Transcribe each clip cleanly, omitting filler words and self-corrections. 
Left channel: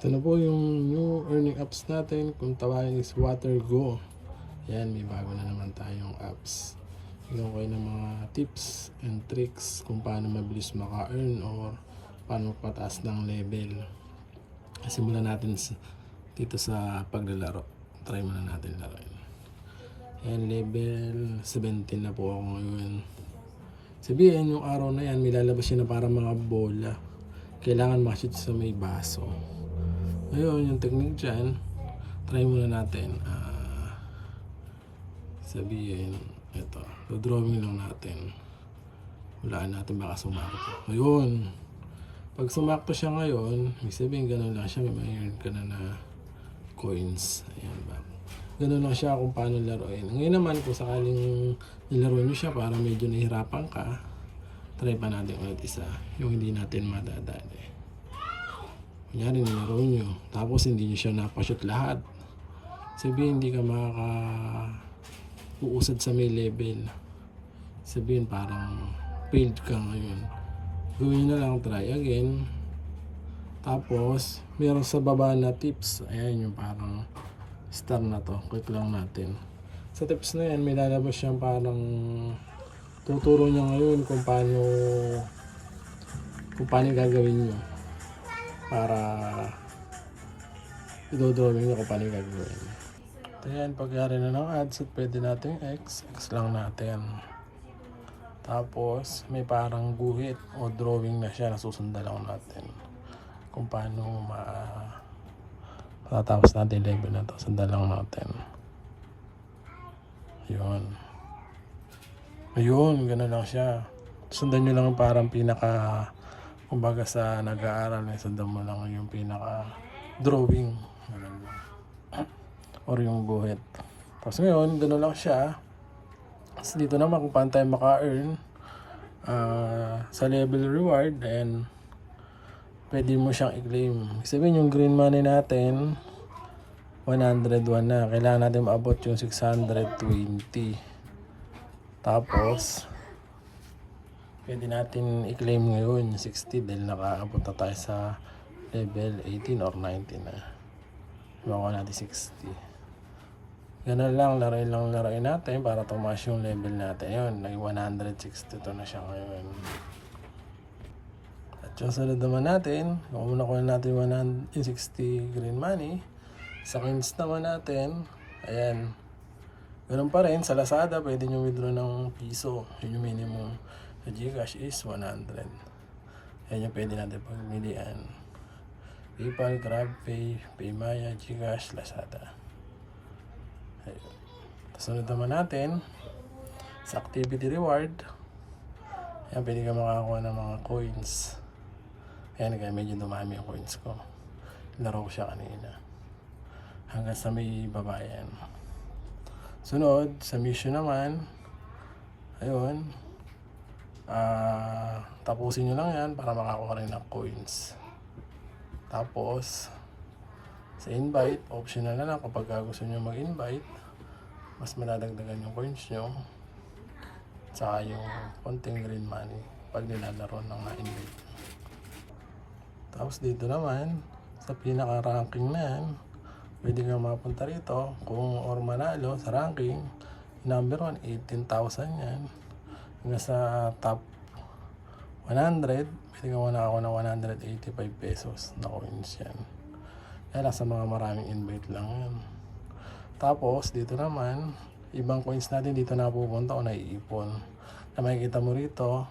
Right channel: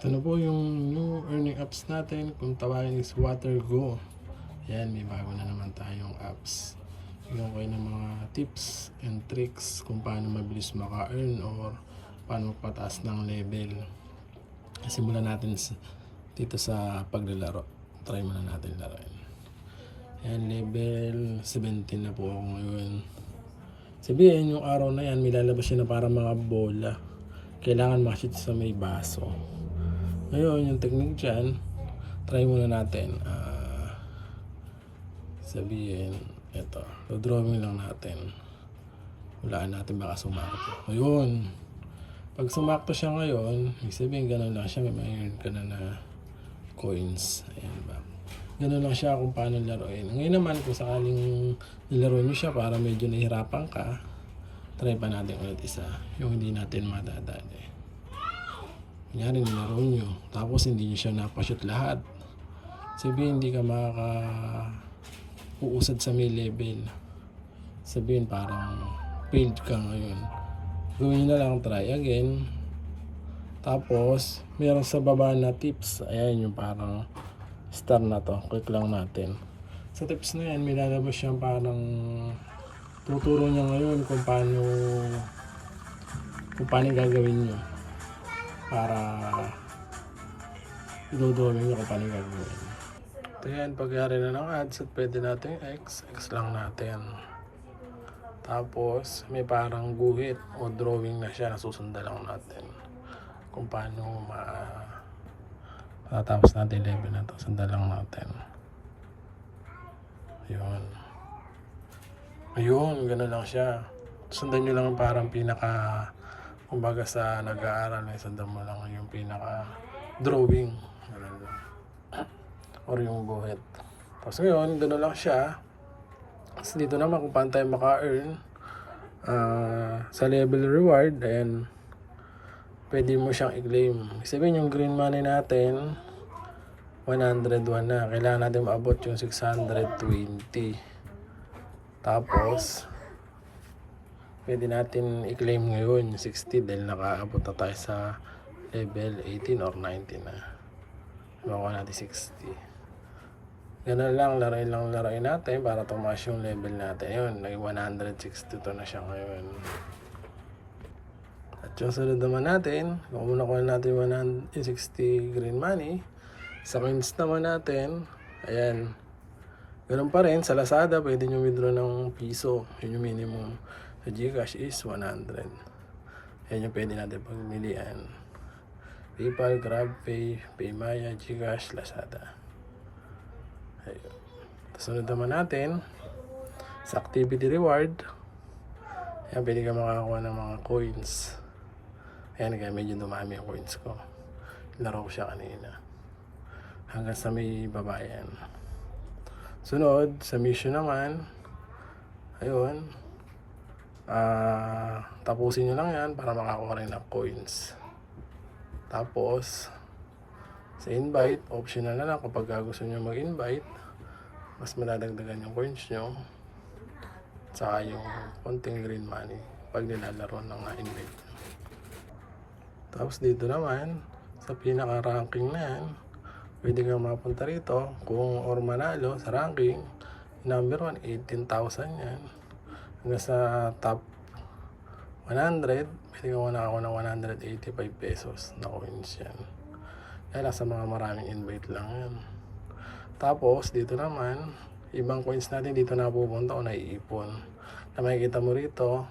Ito na po yung new earning apps natin. Kung tawagin is WaterGo. Yan, may bago na naman tayong apps. Bigyan ko kayo ng mga tips and tricks kung paano mabilis maka-earn or paano pataas ng level. Simulan natin dito sa paglalaro. Try muna natin laruin. Yan, level 17 na po ako ngayon. Sabihin, yung araw na yan, may lalabas siya na parang mga bola. Kailangan makashoot sa may baso. Ngayon, yung technique dyan, try muna natin. Sabihin, ito, drawing lang natin. Walaan natin baka sumakto. Ngayon, pag sumakto siya ngayon, ibig sabihin, gano'n lang siya, may ka na coins. Ayan ba? Gano'n lang siya kung paano laruin. Ngayon naman, kung sakaling nilaro nyo siya para medyo nahihirapan ka, try pa natin ulit isa. Yung hindi natin madadali. Kunyari nilaro nyo, tapos hindi nyo siya napashoot lahat. Sabihin hindi ka uusad sa may level. Sabihin parang failed ka ngayon. Gawin nyo na lang, try again. Tapos, meron sa baba na tips. Ayan yung parang star na to. Click lang natin. Sa tips na yan, may lalabas siyang parang tuturo niya ngayon kung paano gagawin nyo para idodrawing nyo kung paano gagawin. Ito yan, pagyari na ng ads, pwede natin X lang natin. Tapos may parang guhit o drawing na siya, susundan lang natin kung paano matatapos natin level na to. Sundan lang natin. Yun, gano'n lang siya. Sundan nyo lang parang pinaka, kumbaga sa nag-aaral, sundan mo lang yung pinaka drawing or yung guhit. Tapos ngayon, gano'n lang siya. Tapos dito naman kung paano tayo maka-earn sa level reward, ayan, pwede mo siyang i-claim. Sabihin yung green money natin 101 na, kailangan natin maabot yung 620. Tapos pwede natin i-claim ngayon yung 60 dahil nakaabot na tayo sa level 18 or 19 na. Makuha natin 60. Ganun lang, larain natin para tumaas yung level natin. Ayun, naging 162 na siya ngayon. At yung sunod naman natin, kung nakuha natin 160 green money, sa coins naman natin, ayan, ganun pa rin, sa Lazada, pwede nyo withdraw ng piso. Yun yung minimum. Sa Gcash is 100. Ayan yung pwede natin pagmilian. PayPal, GrabPay, PayMaya, Gcash, Lazada. Sunod naman natin sa activity reward. Ayan, pwede ka makakuha ng mga coins. Ayan, kaya medyo dumami yung coins ko. Laro ko siya kanina hanggang sa may babayan. Sunod sa mission naman, ayun, tapusin nyo lang yan para makakuha rin ng coins. Tapos sa invite, optional na lang kapag gusto nyo mag-invite, mas maladagdagan yung coins nyo saka yung konting green money pag nilalaro ng invite. Tapos dito naman sa pinaka-ranking na yan, pwede kang mapunta rito kung or manalo sa ranking. Number 1, 18,000 yan. Hanggang sa top 100, pwede kang nakakuha ng 185 pesos na coins yan. Kaya sa mga maraming invite lang yan. Tapos dito naman, ibang coins natin dito na pupunta o naiipon. Na makikita mo rito,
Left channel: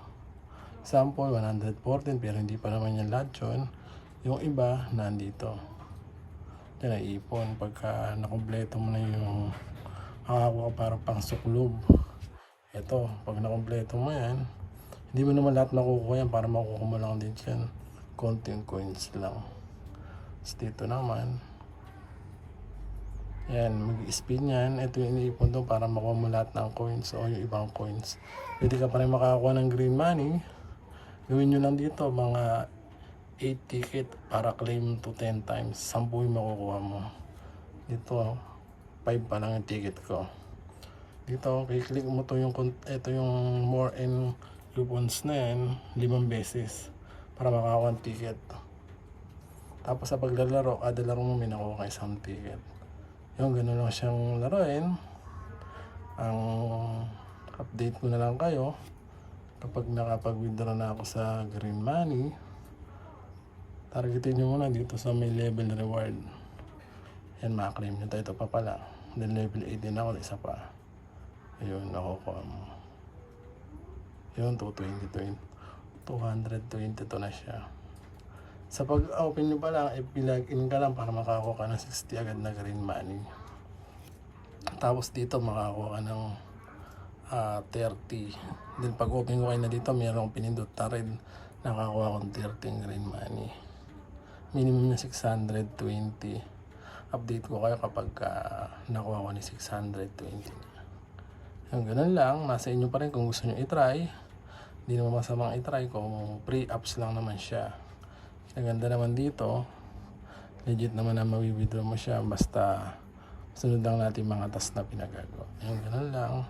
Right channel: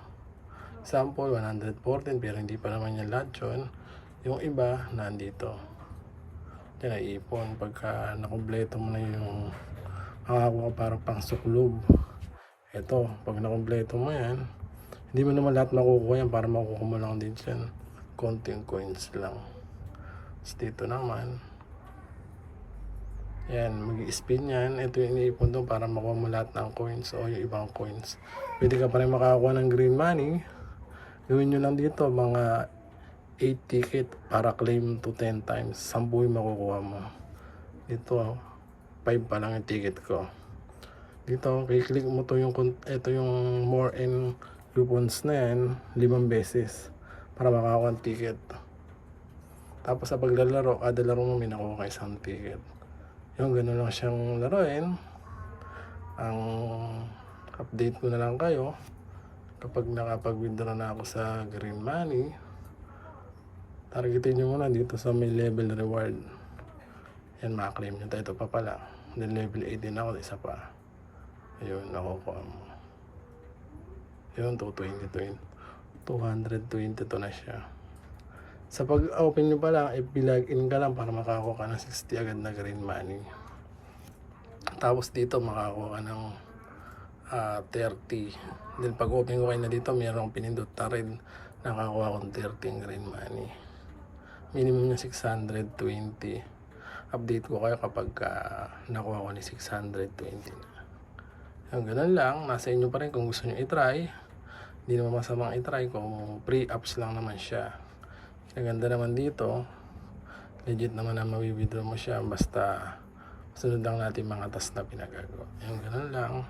sample 114, pero hindi pa naman yan lahat yun. Yung iba nandito. Diyan naiipon. Pagka nakumpleto mo na yung makakuha para pang suklob. Ito, pag nakumpleto mo yan, hindi mo naman lahat makukuha yan para makukuha mo lang din dyan. Konting coins lang. Tapos dito naman, yan, mag-spin yan. Ito yung iniipon doon para makuha mo lahat ng coins o yung ibang coins. Pwede ka pa rin makakuha ng green money. Gawin nyo lang dito mga 8 ticket para claim to 10 times. 10 yung makukuha mo. Dito, 5 pa lang yung ticket ko. Dito, i-click mo to yung, ito yung more and coupons na yan, 5 beses para makakuha ng ticket. Tapos sa paglalaro, kada laro mo may nakuha ka isang ticket. Yung ganun lang siyang laruin. Ang update ko na lang kayo kapag nakapag-withdraw na ako sa Green Money. Targetin nyo muna dito sa may level reward. Yan, makaklaim nyo. Ito pa pala. Then level 18 ako, isa pa. Ayun, nakukuha mo. Yun, 222 na siya. Sa pag-open nyo pa lang, i-login ka lang para makakuha ka ng 60 agad na Green Money. Tapos dito makakuha ka ng 30. Then pag open ko kayo na dito, mayroong pinindot na rin. Nakakuha akong 30 Green Money. Minimum niya 620. Update ko kayo kapag nakuha ko ni 620. Yung ganun lang, nasa inyo pa rin kung gusto nyo i-try. Hindi naman masamang i-try kung free apps lang naman siya. Ang ganda naman dito, legit naman na mawi-withdraw mo siya basta sunod lang natin mga task na pinagagawa. Yung ganun lang.